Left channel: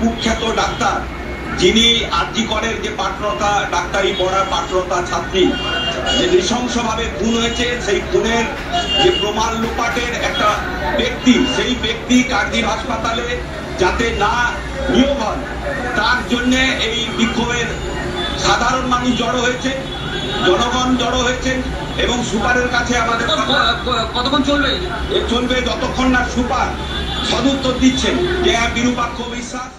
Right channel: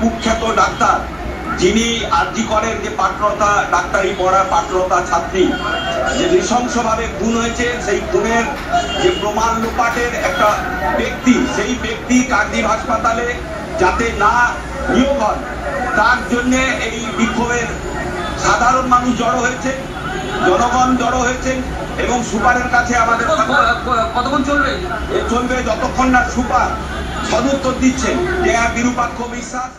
কুখ্যাত ডাক্তার, যিনি আরজি করেন যে পাত্রতা ডাক্তারি পড়ার পাত্রতা ছাত্রী যে নৃশংসভাবে খুন হয়েছে, সেই খুনের যে প্রমাণ লোপাটের একটা ব্যক্তি, সেই ব্যক্তি কাকদ্বীপ হাসপাতালে যাতে না নিয়োগ হয় তার জন্যে এই বিক্ষোভের সাধারণ মানুষ জড়ো হয়েছে, জনগণ জড়ো হয়েছে এবং সুপারের কাছে আমাদের কতক্ষণ চলবে? চলবে যতক্ষণ না সুপার সদুত্তর দিচ্ছেন যে বিরূপাক্ষ বিশ্বাস।